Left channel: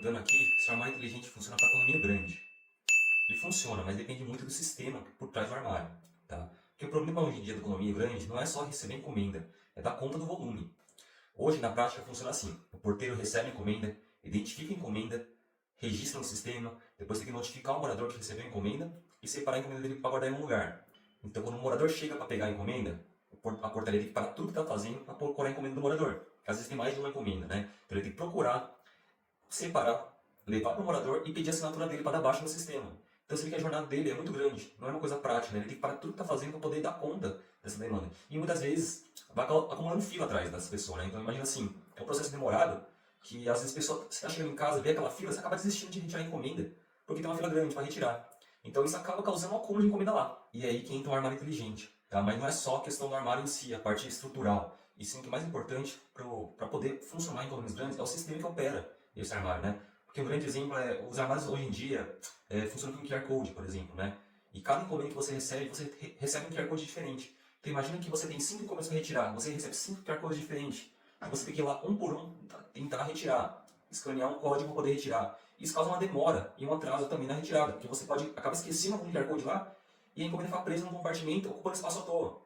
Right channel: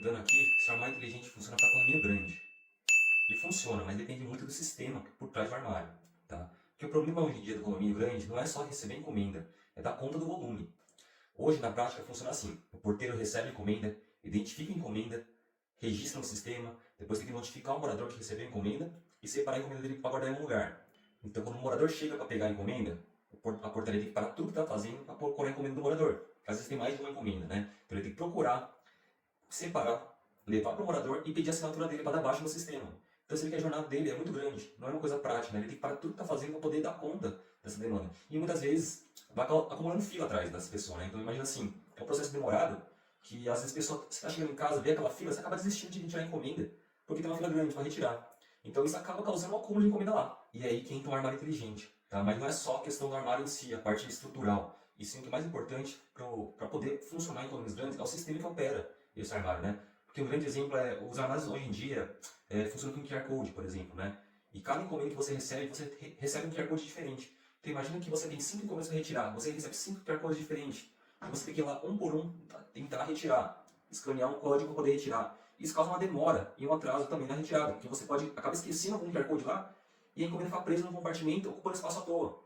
perguntando aqui se o armário inteligente funciona para condomínio grande. Ele funciona, mas depende muito do sistema por trás do armário, tá? Porque o problema hoje em dia do condomínio grande não é só receber encomenda, é dar conta do volume. Hoje, na prática, funciona assim. O porteiro recebe a encomenda, identifica a encomenda, registra no sistema, depois tem que notificar o morador que recebeu a encomenda e separar a encomenda dele para guardar em um lugar. Então, quando o morador chega para pegar a encomenda, a portaria tem que parar tudo que está fazendo para procurar a encomenda do morador. Às vezes tem mais de uma encomenda, né? Então ele tem que procurar, separar, levar para o morador e pedir a assinatura dele para dar baixa no sistema. Então você vê que a jornada dele é muito grande, não é uma coisa prática, né? Ele tem que parar tudo que está fazendo para poder dar conta dessa demanda. E muitas vezes vai acumulando fila atrás dessa pessoa, né? Então imagina assim, é um processo demorado que às vezes a pessoa, você está chegando em casa, vê aquela fila, você acaba desistindo de retirar a encomenda, porque tem uma fila grande para retirar. Então isso acaba causando um acúmulo de encomenda lá. E é aí que entra o armário inteligente. Tá? Mas não é só a questão do armário em si, a parte estrutural. E sim, o que é mais importante para poder funcionar em condomínios grandes é o sistema que opera esse armário, né? Porque um grande exemplo é, os armários hoje em dia funcionam com QR Code, por exemplo, né? E cada encomenda que você recebe um QR Code diferente. Então imagina que você tem 5 encomendas para retirar, você recebe 5 QR Codes diferentes. E você tem que ir lá um por um tentar retirar, escanear um código para poder retirar. Isso causa uma demora e um atraso também na retirada, porque você pode acabar esquecendo algum QR Code lá e a encomenda fica presa no compartimento, ocupando espaço à toa.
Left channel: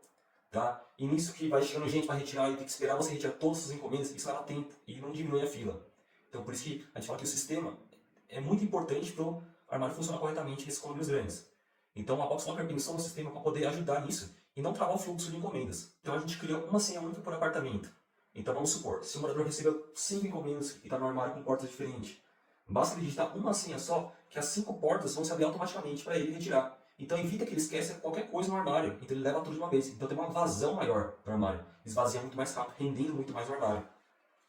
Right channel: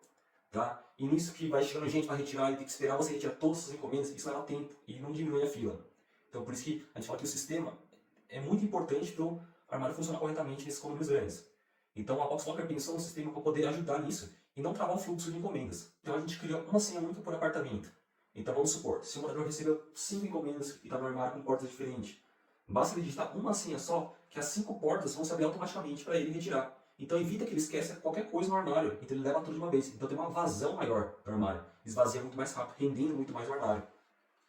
Tá? E nisso que vai chegando gente para retirar e tem que esperar você retirar todas as encomendas, isso leva tempo e não diminui a fila. Então por isso que a gente fala que o sistema é muito importante para o armário funcionar corretamente nesses condomínios grandes. Então a Box Locker pensou no sistema para poder ajudar nisso e não travar o fluxo de encomendas. Então a gente criou uma senha única por apartamento. Então vamos supor, se o morador recebeu 5 encomendas e está no armário com portas diferentes, basta ele digitar uma senha só, que as 5 portas vão se abrir automaticamente para ele retirar. Então evita que ele esqueça qualquer coisa no armário, então ele leva tudo de uma vez. Então tem uma vazão maior no armário, esvazia muito mais rápido, rendendo muito mais no armário.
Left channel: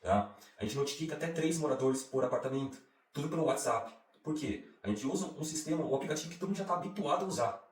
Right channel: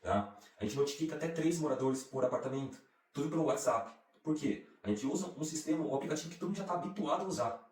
Tá? A gente notifica até 3 moradores por apartamento, tudo pelo WhatsApp. Por quê? A gente usa um sistema, um aplicativo que todo mundo já está habituado a usar.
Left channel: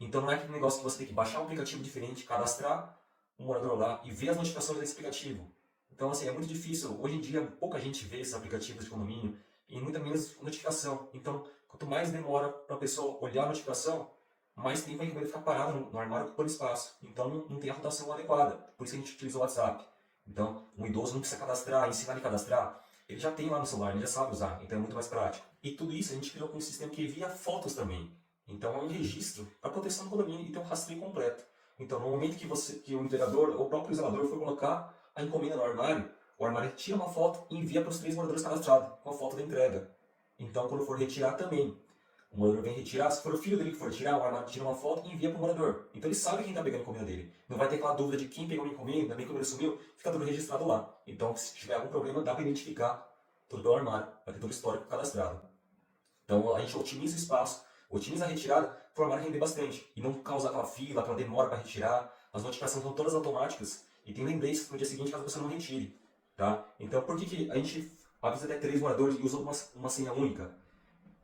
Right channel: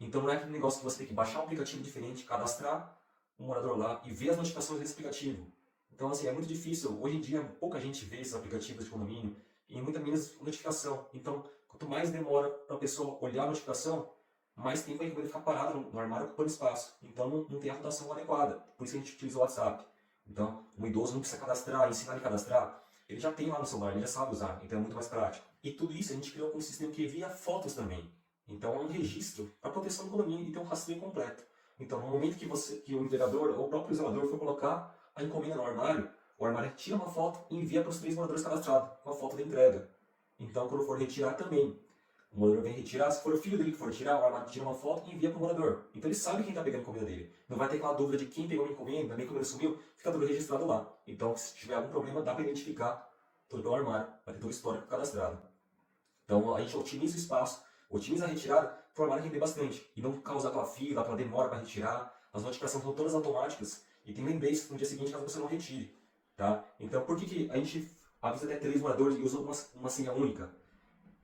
Então não é aquele negócio que você tem que baixar um aplicativo diferente, cadastrar um morador lá e ver as notificações desse aplicativo. Então assim, é muito difícil. Hoje em dia pouca gente vê esses aplicativos de condomínio e muita menos notificação. Então quanto mais demora para a pessoa olhar a notificação, mais tempo a encomenda fica parada no armário ocupando espaço. Então não tem a rotação adequada. Por isso que a gente utiliza o WhatsApp. Então um idoso não precisa cadastrar, ensinar ele a cadastrar. Ele já tem lá no celular, ele já sabe usar, então é muito mais prático. E tudo isso a gente criou com um sistema que envia fotos também. Então é um registro para proteção do condomínio e tem um rastreio completo. Então no momento que o entregador ou o próprio zelador for colocar a encomenda no armário, o armário tira uma foto e envia para os 3 moradores cadastrados, com a foto da entrega. Então quando for retirar também, o morador vem retirar, se for o filho dele que for retirar, o armário tira uma foto e envia para o morador. Então ele sabe quem está pegando a encomenda dele. Não vai ter aquela dúvida de quem pegou a encomenda, nem como ele sumiu, fica tudo registrado lá. Então se tiver algum problema, dá para identificar tudo pelo armário, vai ter todo o histórico cadastrado. Então a gente otimiza o espaço, otimiza a retirada para o armário render bastante e não causar aquela fila, aquela demora para retirar. As notificações são todas automáticas e tem lembretes no dia seguinte caso você não retire. Tá? Então por que a gente avisa até 3 moradores e usa uma senha única?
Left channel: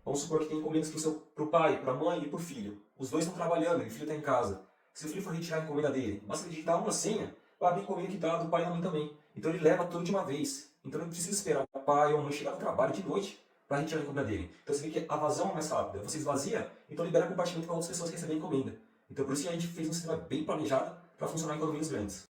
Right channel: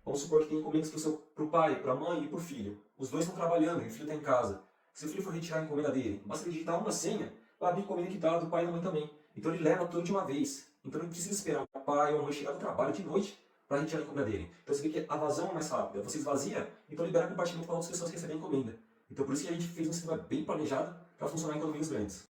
Vamos supor que tem encomendas para o pai, para a mãe e para o filho. Os dois estão trabalhando e o filho está em casa. Se o filho for retirar a encomenda dele, basta ele digitar uma senha, vai abrir a encomenda que está do pai e da mãe também. Então ele leva tudo de uma vez. Então ele não precisa esperar o pai ou a mãe chegar do trabalho de noite para retirar a encomenda dele. Então você vê que a vazão é mais rápida. Você esvazia, então libera compartimento para outras pessoas receberem a encomenda. Então por isso que a gente fez um sistema bem planejado para funcionar em condomínios grandes.